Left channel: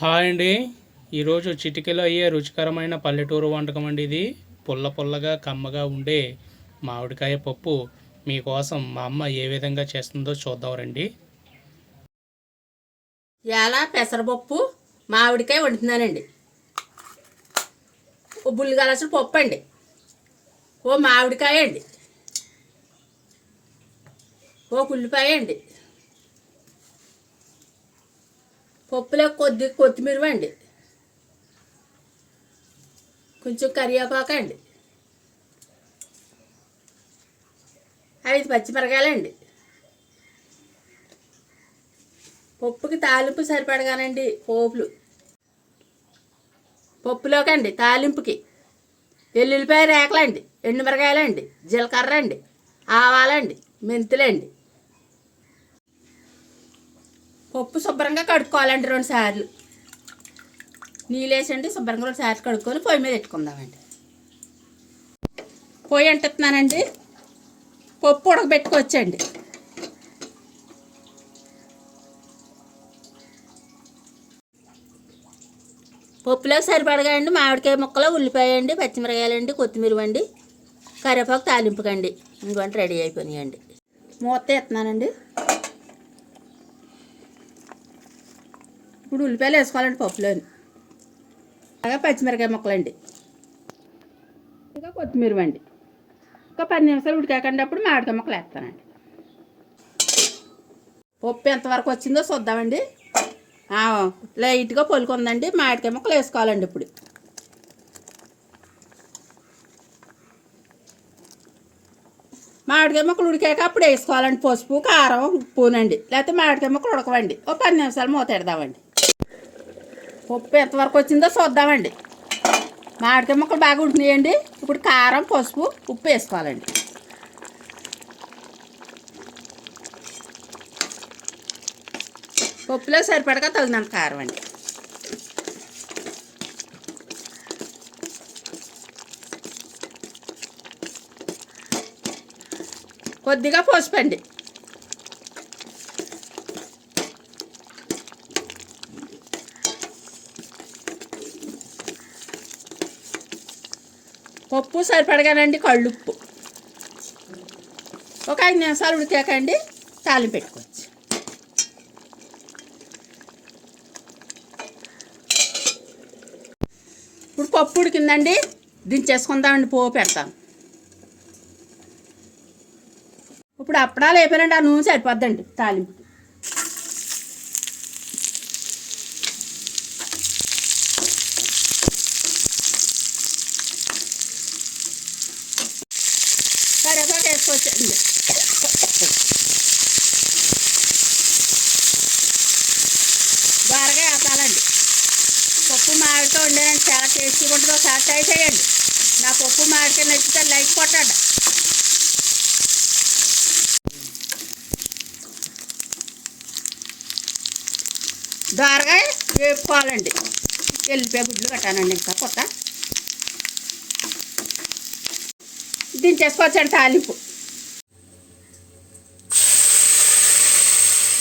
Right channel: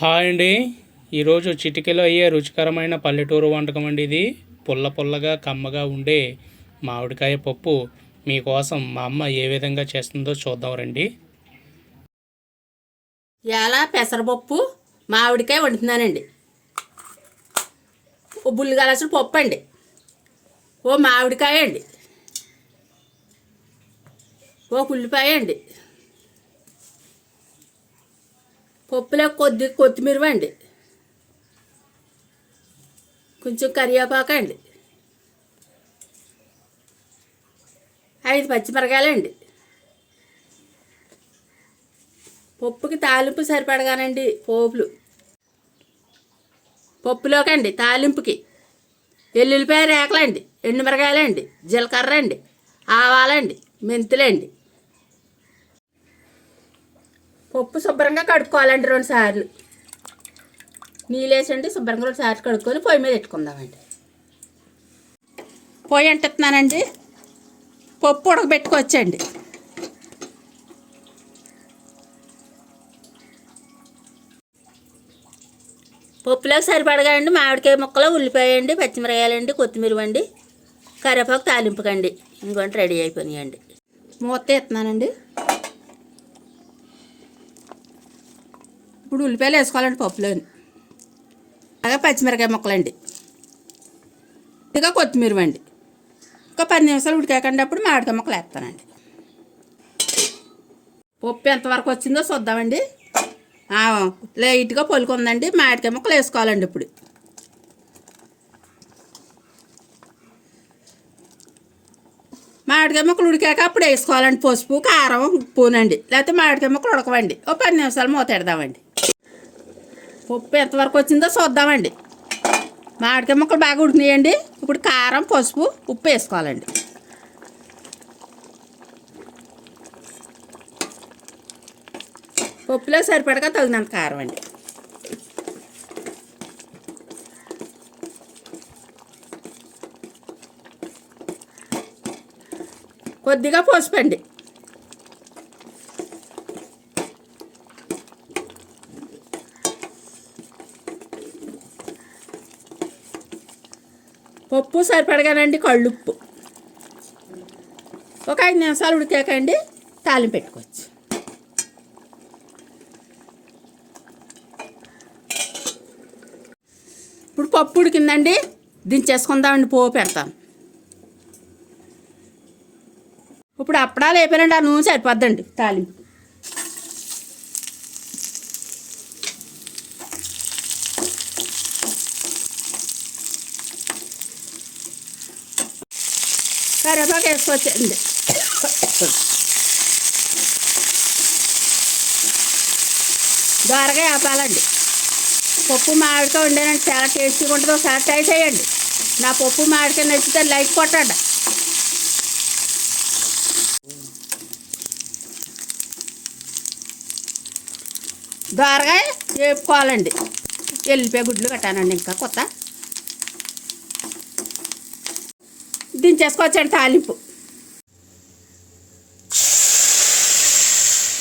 Hi అండి. ఈరోజు చిటికెలో అయ్యే రుచికరమైన పల్లెటూరు వంటకం అండి ఇది. పుల్ల పుల్లగా కమ్మగా ఉండే మామిడికాయ పప్పు మీకోసం మా అమ్మ ఏ విధంగా చేస్తుందో చూద్దాం రండి. ఇలా పెసరపప్పు మామిడికాయ వండుతున్నానండి. ఓ బుల్లిగలసిన పప్పు అండి, ఓ మామిడికాయ అండి, ఓ ఉల్లిపాయ అండి, పప్పులో కొద్ది కొత్తిమీర అండి, కొంచెం కరివేపాకు అండి, 5 పచ్చిమిరకాయలండి. పప్పుకి తాలింపు సరిపడగానండి పోపులు. పప్పులోకండి తాలింపుకి ఎల్లుల్లిపాయ రేకలండి, ఎండుమిరకాయలండి, జీలకర్ర అండి, ఆవాలండి, మెంతులండి. పప్పు శుభ్రంగా కడుక్కోవాలండి 2 సార్లు. నీళ్ళు వేసండి శుభ్రంగా 2 సార్లు కడుక్కొని పొయ్యి మీద పెట్టుకుందామండి. పొయ్యి అంటున్నానండి, పప్పు ఉడకబెట్టుకోవచ్చండి. పప్పులోకి సరిపడగా అండి మామిడికాయ ముక్కలు, ఉల్లిపాయ అండి, పచ్చిమిరకాయలండి, కొత్తిమీర అండి, కరివేపాకు తాలింపుకండి. ఇంకొంటే రెడీ అయిపోయినాయండి. మూత ఎత్తున్నానండి. ఇప్పుడు ఉల్లిపాయలు వేసుకోవాలండి పప్పులోని, అలాగే పచ్చిమిరకాయ ముక్కలండి, ఇక కొత్తిమీర అండి. ఒక 10 నిమిషాలు ఉడికాకండి అప్పుడు మామిడికాయ ముక్కలు వేస్తానండి. పప్పు ఎంతవరకు వచ్చిందో చూద్దామండి. లైట్గా పొలుకుందండి. మామిడికాయ ముక్కలు వేసుకోవాలండి. ఇప్పుడు మామిడికాయ ముక్కలు ఉడికాక అప్పుడు వేసుకోవాలండి పసుపు, కారం, ఉప్పునండి. లేకపోతే మామిడికాయ ముక్కలు ఉడకవండి. ఓ 10 నిమిషాలు మూత పెడదామండి. పప్పు ఎంతవరకు వచ్చిందో చూద్దామండి. మామిడికాయ ముక్కలు బాగా ఉడికినాయండి. ఇప్పుడు కారం, పసుపు, ఉప్పు వేసుకోవాలండి. పప్పులో సరిపడగా తగినంత కారం అండి. కొద్దిగా పసుపు అండి. పప్పు సరిపడగానండి కళ్ళుప్పు. ఒక 5 నిమిషాలు ఉడికాకండి తాలింపు పెట్టుకోవచ్చు. ఇప్పుడు పప్పు ఉడికిందండి, దించేసుకుందామండి. పోపు పెడతాను. ఇప్పుడు అప్పడాలు అయిపోయారండి. ఆ నూనె సరిపోద్దండి తాలింపు. కరివేపాకు వేసుకోవచ్చండి. దోరగా వేపాలండి. పప్పు మామిడికాయ వండానండి, చాలా టేస్టీగా ఉంటుంది. ఒకసారి ట్రై చేయండి. నా పప్పు మామిడికాయ నచ్చితే లైక్ కొట్టండి. దోరగా వేపుకోవాలండి. ఎల్లిపాయ గుడ్లు పెట్టానండి. ఇంకా కొత్త దించేసుకోవచ్చండి తాలింపు.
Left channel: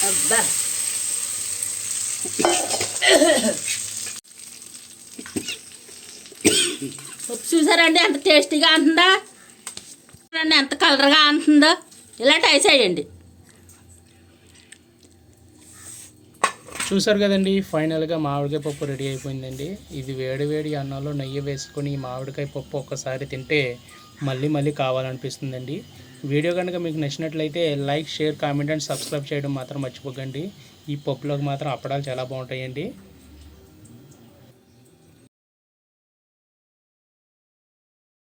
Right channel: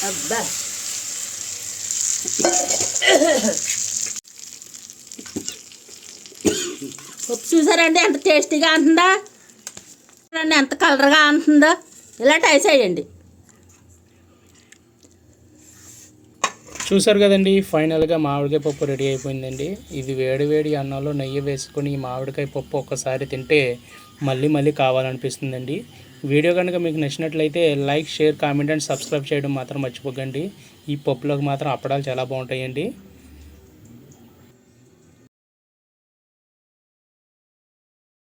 అబ్బా పప్పు చూసారండి ఎంత టేస్టీగా ఉంటుందా, ఎంత కలర్గా ఉంటుందో. ఇలా ట్రై చేయండి. చూసారు కదండి, ఫైనల్గా మామిడికాయ పప్పు రెడీ అయిపోయిందండి. ఇది వేడి వేడి అన్నంలో నెయ్యి వేసుకొని ఈ మామిడికాయ పప్పు ఒక్కసారి తింటే మళ్ళీ మళ్ళీ కావాలనిపిస్తుందండి. వీడియో కనుక మీకు నచ్చినట్లయితే like, share, comment and subscribe చేయడం మాత్రం మర్చిపోకండి. ఈ పప్పులోకి మాత్రం అప్పడాలు చాలా బాగుంటాయండి.